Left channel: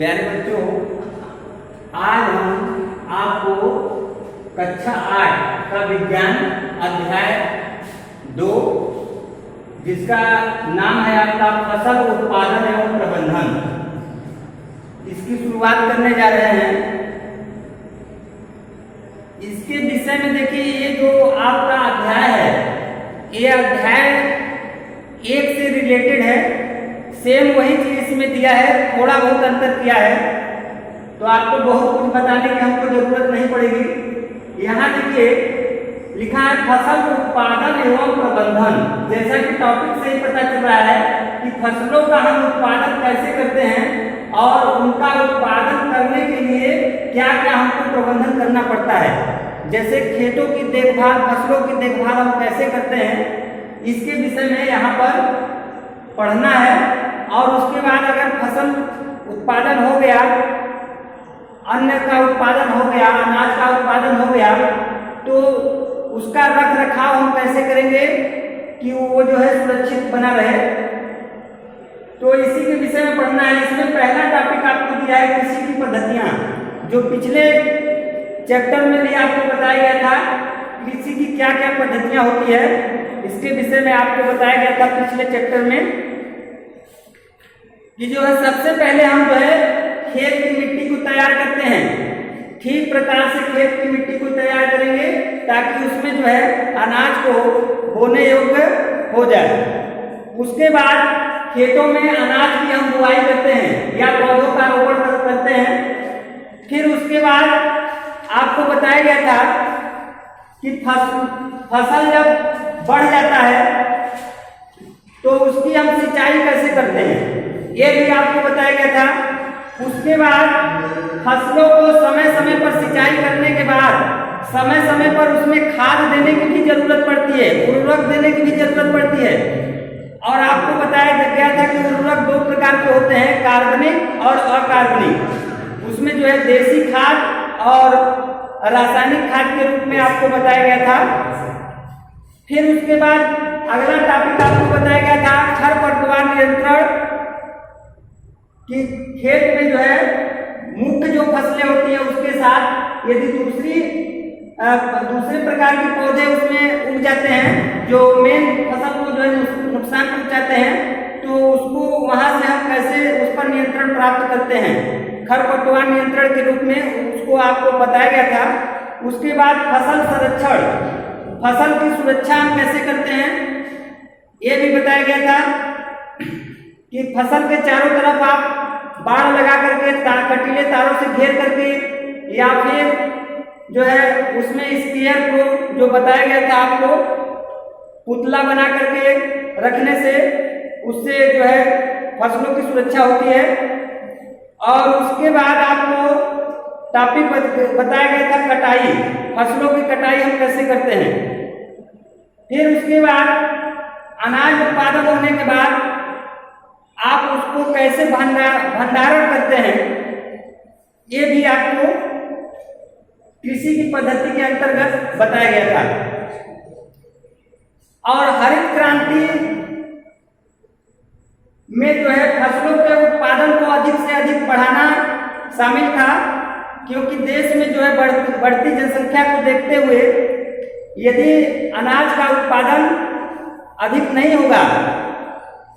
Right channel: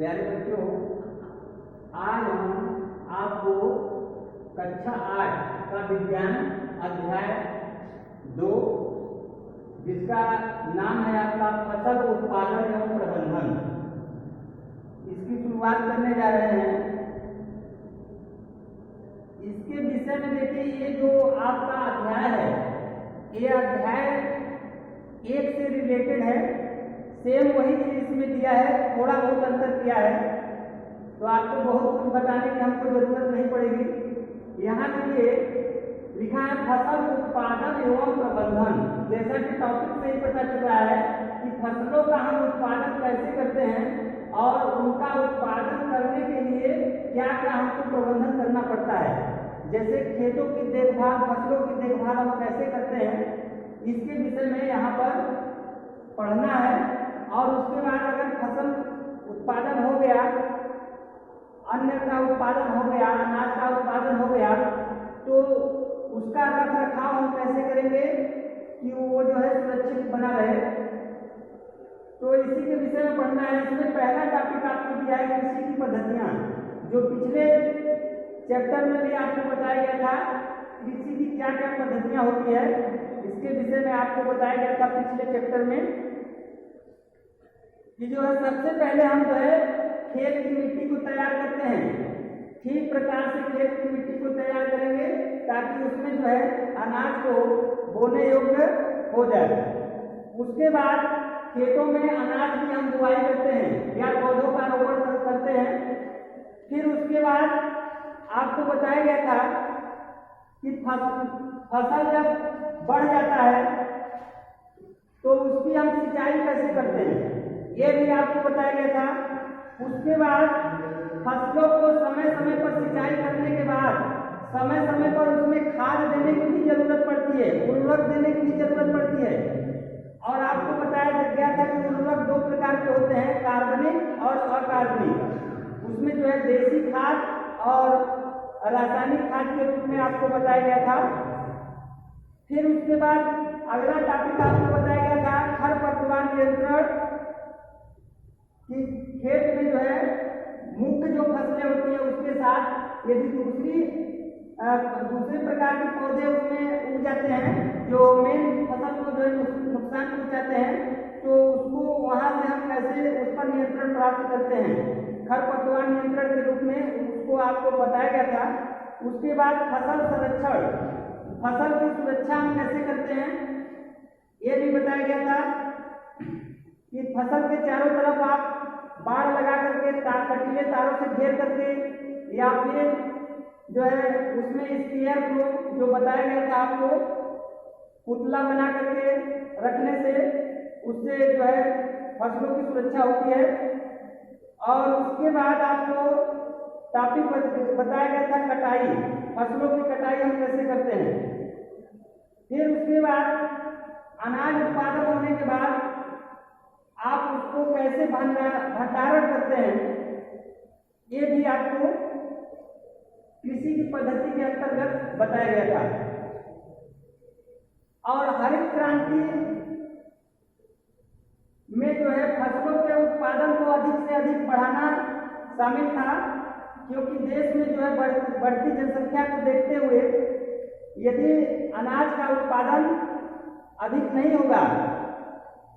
प्यारे बच्चों, आज हम आपको कक्षा 8 का विज्ञान अध्याय 2 जिसका नाम है आपका फसल उत्पादन एवं प्रबंधन, इसकी शुरुआत करने जा रहे हैं। इसके विषय में देखिए, ये जो आपका अध्याय है, ये अध्याय 1 से रिलेटेड है। सेम वही चीज इसमें दिया है, थोड़ा बहुत अंतर किया है, तो आपको बहुत कुछ बताने की हमको जरूरत नहीं पड़ेगी। यहाँ देखिए लिखा है फसल उत्पादन एवं प्रबंधन। जैसा कि टॉपिक से ही पता चल रहा है कि फसलों का हम उत्पादन कैसे करते हैं और उनका उत्पादन करने के लिए क्या क्या हमको प्रबंधन करना पड़ता है। जैसे खेतों की देखभाल, फसलों की देखभाल हम कैसे करते हैं, इसके विषय में यहाँ पर पढ़ना है। और उसके बाद अगर फसल उत्पादन हो गया, अन्न का उत्पादन हो गया, अनाज का उत्पादन हो गया, तो उसका रख रखाव हम कैसे करेंगे कि वो जो है सुरक्षित बना रहे, तो इसी के विषय में पढ़ना है। इसमें पहला टॉपिक आपको दिया है कृषि की पद्धतियां, जो पिछले चैप्टर में भी आपको बताया गया था कृषि की क्या क्या पद्धतियां होती है, इसके विषय में आपको बताया गया था पिछले चैप्टर में कि जो है सबसे पहले हम जो है खेत की मिट्टी को तैयार करते हैं। ठीक प्रकार से खेत की मिट्टी को तैयार करेंगे ताकि उसमें जो है अनाज को बोने योग्य हो जाए। उसके बाद खेतों में अनाज की हम बुआई करते हैं या पौधों का रोपण करते हैं। फिर उसके बाद आपको बताया गया था कि फसल जब बढ़ जाता है तो उसकी हम सिंचाई कैसे करते हैं, ये भी आपको बताया गया था। उसके बाद फसलों को समय समय पर सिंचाई करने के बाद समय समय पर उसमें खाद देने की भी जरूरत पड़ती है, उर्वरक देने की भी जरूरत पड़ती है। और आपको बताया गया था कि उर्वरक 2 प्रकार के होते हैं, कार्बनिक और अकार्बनिक। उसमें जो है देसी खाद और रासायनिक खाद के रूप में आपको बताया गया था। फिर उसके बाद अगला टॉपिक आपको बताया गया था खरपतवार नियंत्रण, कि खेत में जो है मुख्य जो फसलें होती है उसके साथ यदि दूसरे प्रकार के पौधे उसमें उग जाते हैं जो मेन फसल को जो है नुकसान पहुंचाते हैं, तो उसको वहां से हम कैसे उस पर नियंत्रण प्राप्त करते हैं, खरपतवार नियंत्रण के रूप में उसको आपको बताया गया था। उसके बाद फसल संरक्षण, फसल की सुरक्षा हम कैसे करते हैं, ये भी बताया गया था कि फसल के चारों तरफ आप बाड़ लगा करके कटीले तारों से घेर करके, या फिर जो है उसमें स्पेयर को जो बताया गया था आपको पुतला बना करके रखने से उससे जो है फसलों की सुरक्षा होती है। और उसके बाद आपको टॉपिक बताया गया था कटाई, फसलों की कटाई हम कैसे करते हैं। फिर उसके बाद अनाज उत्पादन होने के बाद आप उसको कैसे भंडारण करते हैं, ये भी आपको कृषि की पद्धति के अंतर्गत बताया गया था। और हरित क्रांति में जो है फसलों के उत्पादन को अधिक से अधिक बढ़ाना शामिल था, क्योंकि देश में जो है बढ़ती जनसंख्या को देखते हुए यदि अनाज का उत्पादन अधिक नहीं होगा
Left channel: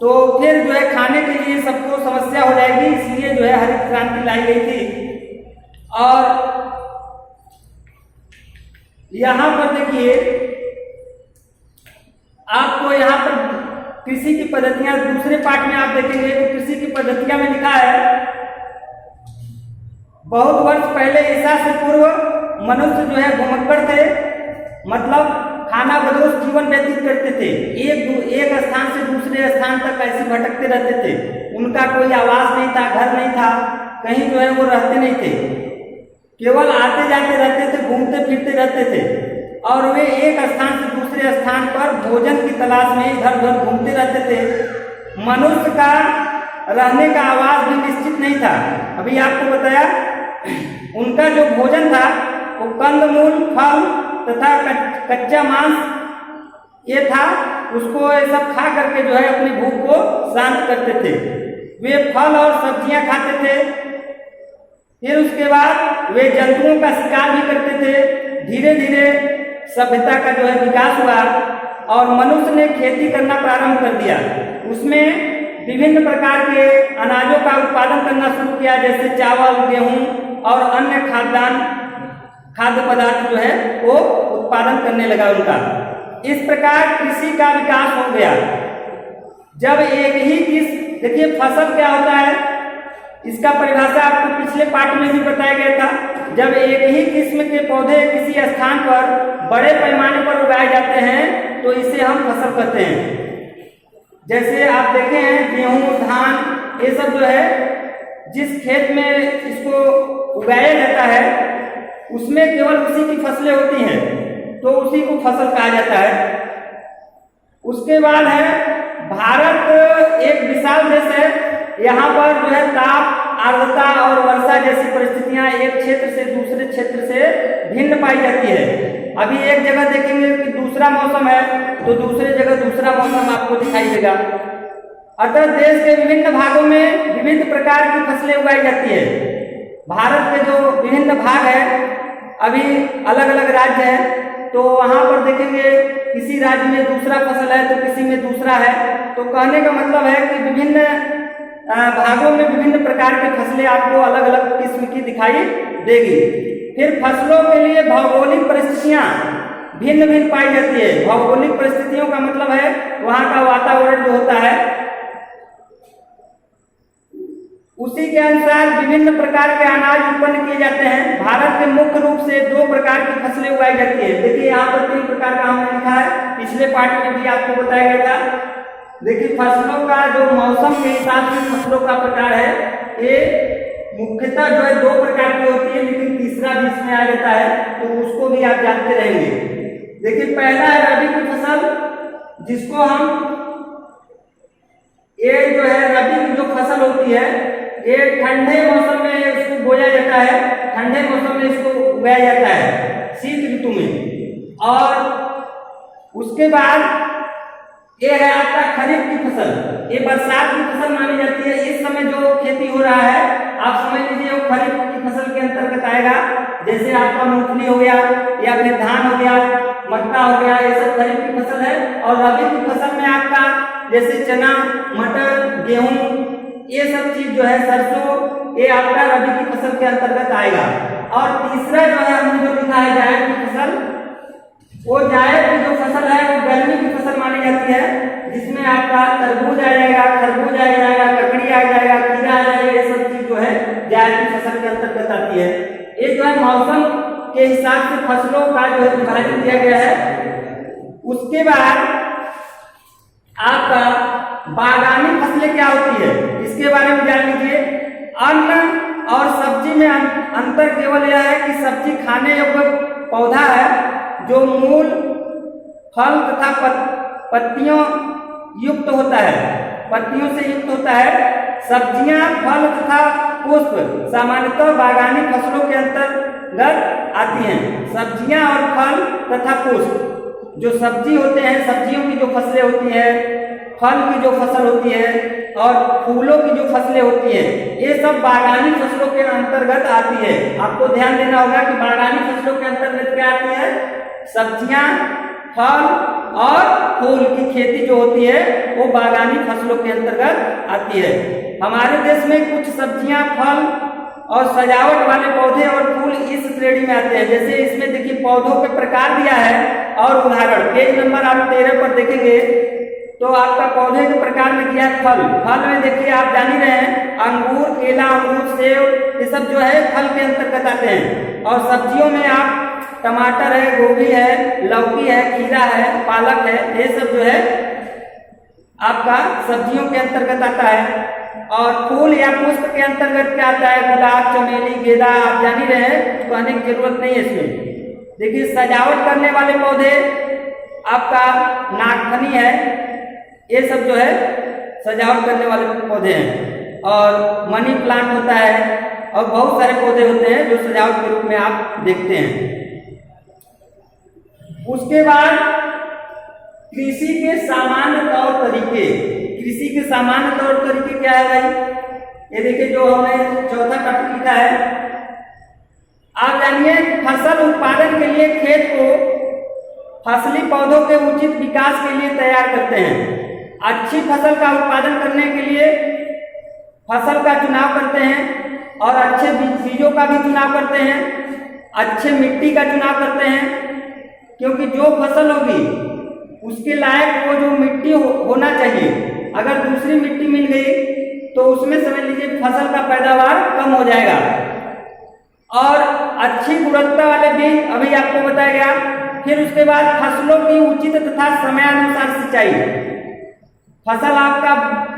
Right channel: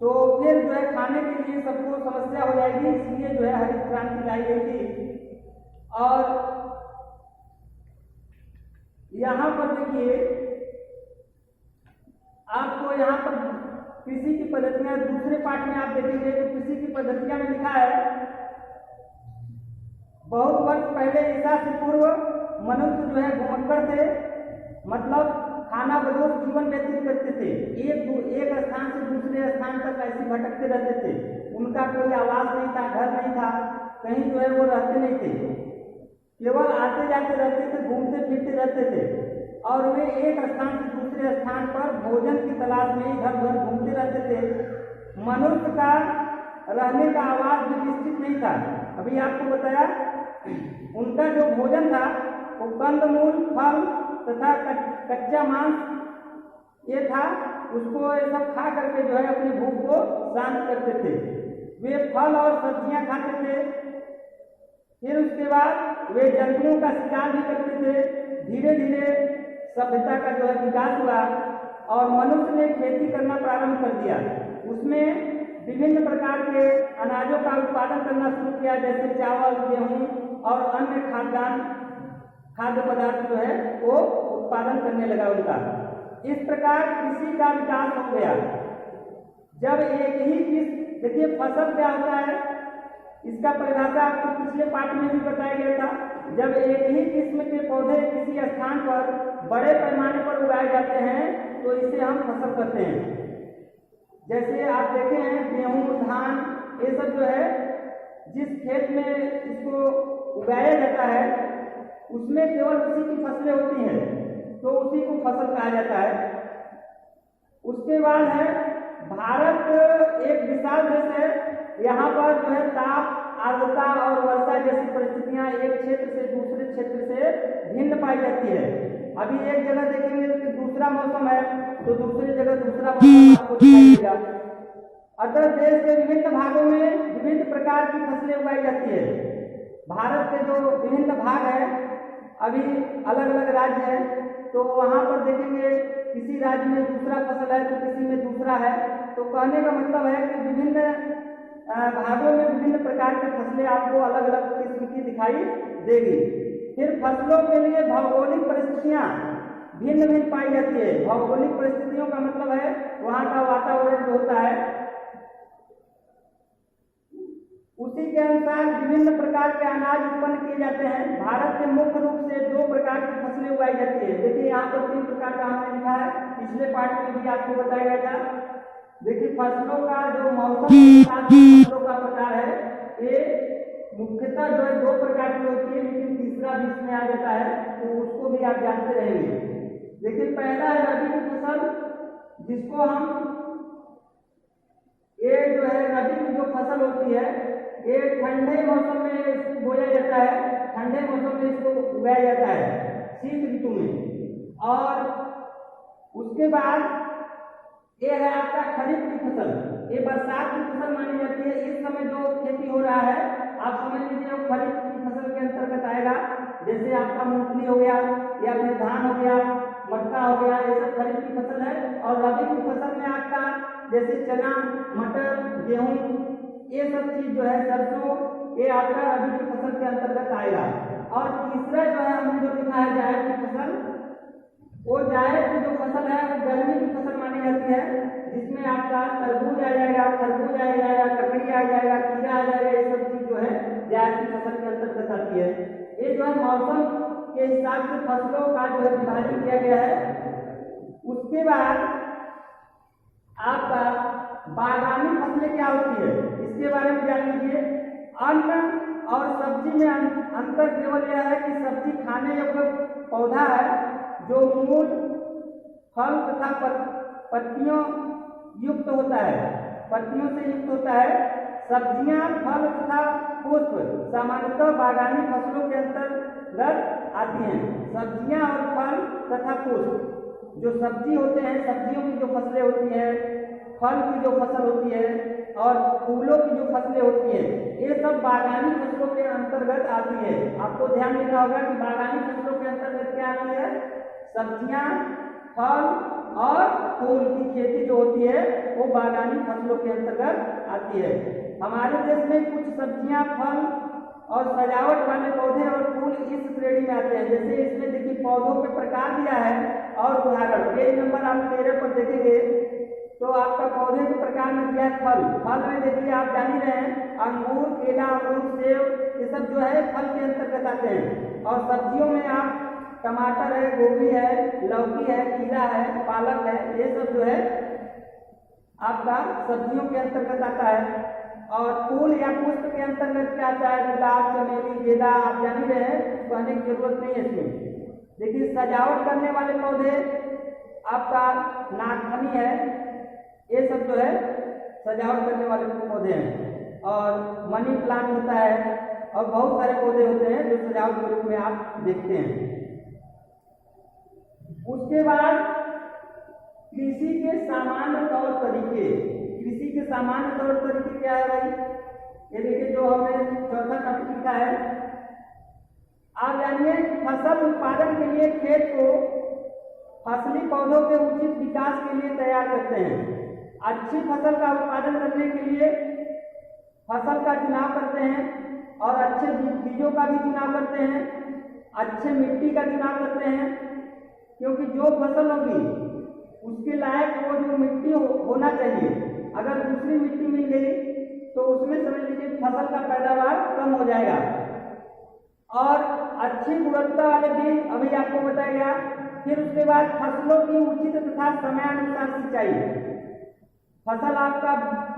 तो फिर जो है खाने के लिए सबको समस्या हो जाएगी, इसलिए जो है हरित क्रांति लाई गई थी। और यहाँ पर देखिए आपको यहाँ पर कृषि की पद्धतियां दूसरे पार्ट में आप देखेंगे तो कृषि की पद्धतियां में लिखा है बहुत वर्ष पहले ईसा से पूर्व मनुष्य जो है भूमक्कड़ थे, मतलब खाना बदोश जीवन व्यतीत करते थे। एक स्थान से दूसरे स्थान तक ऐसे भटकते रहते थे, उनका कोई आवास नहीं था, घर नहीं था, कहीं जो है वो रहते नहीं थे, केवल आते जाते रहते थे, घूमते फिरते रहते थे। और वे एक स्थान से दूसरे स्थान पर भोजन की तलाश में इधर उधर घूमते रहते थे। मनुष्य का रहने का आवास भी निश्चित नहीं था। अभी आपको बताया उनका जो भोजन था वो कंदमूल, फल तथा कच्चा मांस ये था, उसको ये सब खा करके जो है अपनी भूख को शांत करते थे। वे फल और सब्जियां खाते थे फिर उसके बाद वे जंतुओं का शिकार भी करते थे। धीरे धीरे सभ्यता का जो है विकास हुआ और मनुष्य ने खेती करना प्रारंभ कर दिया। उसमें विभिन्न प्रकार के अनाजों का उत्पादन करना शुरू किया, जैसे चावल, गेहूं और अन्य खाद्य पदार्थ जो है वो उत्पादन करने लगा उनका। इस प्रकार कृषि का विकास हो गया। जब एक ही देखिए फसल क्या होता है, इसका परिभाषा आपको पिछले पाठ में भी बताया गया था। जब एक ही किस्म के पौधे किसी स्थान पर बड़े पैमाने पर उगाए जाते हैं तो इसे हम फसल कहते हैं। जैसे आप देखे हैं गेहूं, धान, ये सब जो है जिस खेत में इसको उगाया जाता है उसमें केवल उसी की फसलें होती हैं, तो उसी को फसल कहा जाता है। उसके बाद है भारत एक विशाल देश है। यहाँ पर जो है ताप, आर्द्रता और वर्षा जैसी परिस्थितियां एक क्षेत्र से दूसरे क्षेत्र से भिन्न पाई जाती है। अभी एक जगह देखेंगे कि दूसरा मौसम है तो दूसरे जगह दूसरा मौसम आपको दिखाई देगा। अतः देश के विभिन्न भागों में विभिन्न प्रकार की फसलें उगाई जाती है। भारत के जो विभिन्न भाग है, अभी अलग अलग राज्य है, तो वहां पर देखेंगे किसी राज्य में दूसरा फसल है तो किसी में दूसरा है। तो कहने का मतलब है कि विभिन्न भागों में विभिन्न प्रकार की फसलें आपको अलग अलग किस्म की दिखाई देगी। फिर फसलों के लिए भौगोलिक परिस्थितियां भिन्न भिन्न पाई जाती है। भौगोलिक परिस्थितियों का मतलब है वहां का वातावरण जो होता है उसी के अनुसार विभिन्न प्रकार के अनाज उत्पन्न किए जाते हैं। भारत में मुख्य रूप से 2 प्रकार की फसलें उगाई जाती है। देखिए यहाँ पर 3 प्रकार का हमने लिखा है, पिछले पाठ में भी आपको बताया गया था। देखिए फसलों का जो मौसम के हिसाब से फसलों का प्रकार है, ये मुख्यतः जो है 2 प्रकार की होती है, लेकिन तीसरा भी इसमें आ जाता है, तो उसको भी आप जानते रहेंगे। देखिए पहला है रबी की फसल, जिसको हम ये जो है रबी की जो फसल होती है ये ठंडे मौसम में इसको बोया जाता है, ठंडे मौसम में इसको उगाया जाता है, शीत ऋतु में। और उसके बाद ये है आपका खरीफ की फसल, ये बरसात की फसल मानी जाती है। इस समय जो खेती हो रहा है आप समझ लीजिए वो खरीफ की फसल के अंतर्गत आएगा। जैसे आपका मूंगफली हो गया या फिर धान हो गया, मक्का हो गया, ये सब खरीफ की फसल है। और रबी की फसल में आपका जैसे चना, मटर, गेहूं, ये सब चीज जो है, सरसों, ये आपका रबी की फसल के अंतर्गत आएगा। और तीसरा जो है हमने जो लिखा है जायद की फसल, वो जायद की जो फसल है वो गर्मी की फसल मानी जाती है, जिसमें आपका तरबूज आ जाएगा, खरबूज आ जाएगा, ककड़ी आ जाएगा, खीरा आ जाएगा, ये सब चीज जो है जायद की फसल के अंतर्गत आती है। ये जो है मौसम के हिसाब से फसलों का जो है विभाजन किया गया है। उसके बाद आपका बागानी फसलें क्या होती है इसके बारे में जान लीजिए। अन्न और सब्जी में अंतर केवल यह है कि सब्जी खाने योग्य पौधा है जो मूल, फल तथा पत्तियों युक्त होता है, पत्तियों से युक्त होता है। सब्जियां, फल तथा पुष्प सामान्यतः बागानी फसलों के अंतर्गत आती हैं। सब्जियां और फल तथा पुष्प, जो सब्जी होते हैं, सब्जियों की जो फसलें होती है, फल की जो फसल होती है और फूलों की जो फसलें होती है, ये सब बागानी फसलों के अंतर्गत आती है। आपको ध्यान देना होगा कि बागानी फसलों के अंतर्गत क्या आती है, सब्जियां, फल और फूल की खेती जो होती है वो बागानी फसलों के अंतर्गत आती है। हमारे देश में कुछ सब्जियां, फल और सजावट वाले पौधे और फूल इस श्रेणी में आते हैं। जैसे इसमें देखिए पौधों के प्रकार दिया है और उदाहरण, पेज नंबर आप 13 पर देखेंगे तो आपका पौधे के प्रकार में दिया है फल। फल में देखिए आप जान ही रहे हैं अंगूर, केला, अमरूद, सेब, ये सब जो है फल के अंतर्गत आते हैं। और सब्जियों में आप टमाटर है, गोभी है, लौकी है, खीरा है, पालक है, ये सब जो है आपका सब्जियों के अंतर्गत आता है। और फूल या पुष्प के अंतर्गत क्या आता है, गुलाब, चमेली, गेंदा, आप जान ही रहे हैं, कहने की जरूरत नहीं है इसमें। देखिए सजावट करने वाले पौधे आपका नागफनी है, ये सब जो है सजावट करने वाले पौधे हैं। और मनी प्लांट होता है और बहुत सारे पौधे होते हैं जो सजावट के रूप में आप देखते हैं। उसके बाद कृषि के सामान्य तौर तरीके, कृषि के सामान्य तौर तरीके क्या है भाई, ये देखिए जो हमने चौथा टॉपिक लिखा है आप जानिए फसल उत्पादन के लिए खेत को फसली पौधों के उचित विकास के लिए तैयार करते हैं। अच्छी फसल का उत्पादन करने के लिए फसल का चुनाव करते हैं और अच्छे बीजों का भी चुनाव करते हैं, अच्छे मिट्टी का चुनाव करते हैं, क्योंकि जो फसल होगी उसके लायक वो जो मिट्टी होना चाहिए। अगर दूसरी मिट्टी मिल गई तो उसमें समझ लीजिए फसल का पैदावार कम हो जाएगा। और अच्छी गुणवत्ता वाले बीज अभी आपको बताया गया। फिर उसके बाद फसलों की उचित तथा समयानुसार सिंचाई। फसल आपका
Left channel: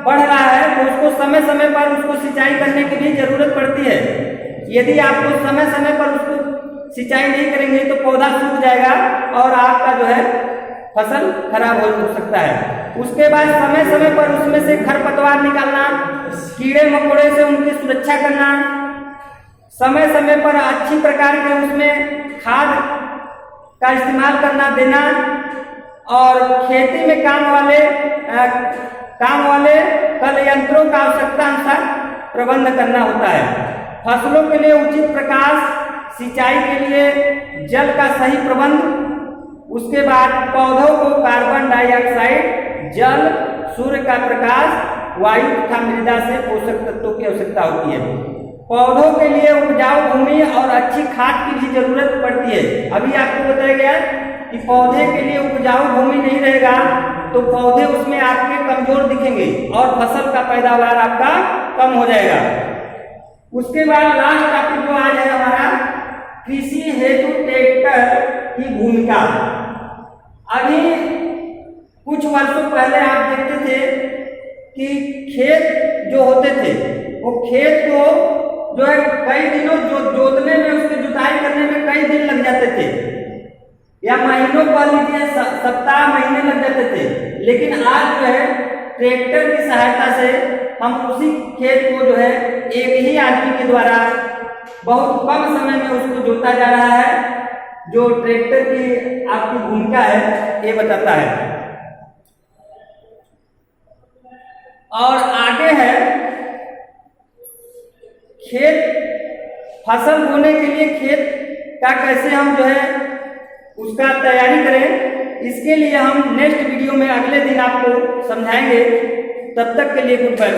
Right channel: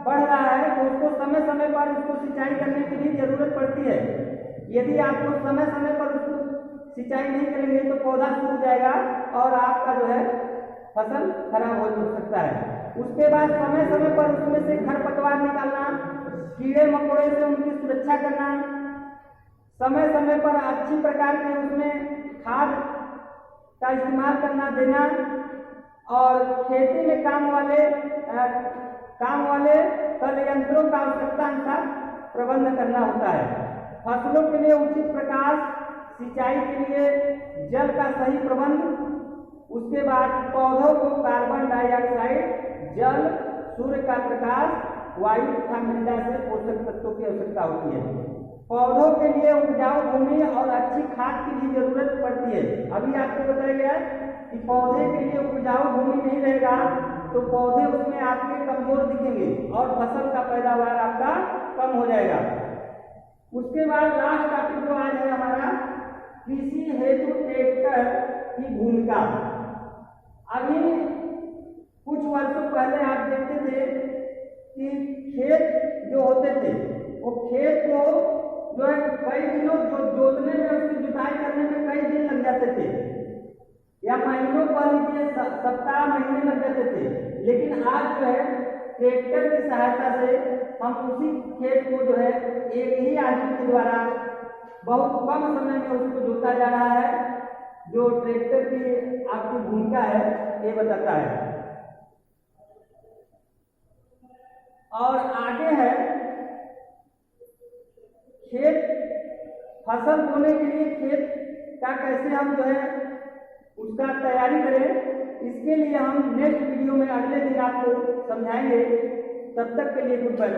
बढ़ रहा है तो उसको समय समय पर उसको सिंचाई करने की भी जरूरत पड़ती है। यदि आप उस समय समय पर उसको सिंचाई नहीं करेंगे तो पौधा सूख जाएगा और आपका जो है फसल खराब हो सकता है। उसके बाद समय समय पर उसमें से खरपतवार निकालना, कीड़े मकोड़े से उनकी सुरक्षा करना, समय समय पर अच्छी प्रकार के उसमें खाद का इस्तेमाल करना देना, और खेती में काम वाले कल यंत्रों का आवश्यकता अनुसार प्रबंध करना होता है। फसलों के लिए उचित प्रकाश, सिंचाई के लिए जल का सही प्रबंध, उसके बाद पौधों को कार्बन डाइऑक्साइड, जल, सूर्य का प्रकाश, वायु तथा मृदा से पोषक तत्वों की आवश्यकता होती है। पौधों के लिए उपजाऊ भूमि और अच्छी खाद की भी जरूरत पड़ती है। अभी आपको बताया गया कि पौधे के लिए उपजाऊ भूमि नहीं रहेगा तो पौधे उसमें आपके कमजोर दिखेंगे और फसल का पैदावार आपका कम हो जाएगा। उसके बाद लास्ट टॉपिक जो आज है हमारा, कृषि हेतु ट्रैक्टर की भूमिका। अभी कुछ वर्षों पहले आप देखते थे कि खेत जो होते थे वो खेत को जो है कई दिनों जोतने में, उसकी जुताई करने में कई दिन लग जाते थे या महीनों कह लीजिए, सप्ताह महीने लग जाते थे। लेकिन आज जो है ट्रैक्टर की सहायता से हम उसी खेत को जो है एक ही आदमी के द्वारा बहुत कम समय में उसको जोता जा रहा है। जो ट्रैक्टर की आपकी भूमिका है ये बताता है। और आगे है खेत, फसल बोने के लिए खेत का कैसे हम जो है उसका तैयारी करें, इसके लिए हम नेक्स्ट वीडियो में अगले दिन आपको समझाएंगे। तब तक के लिए गुड बाय।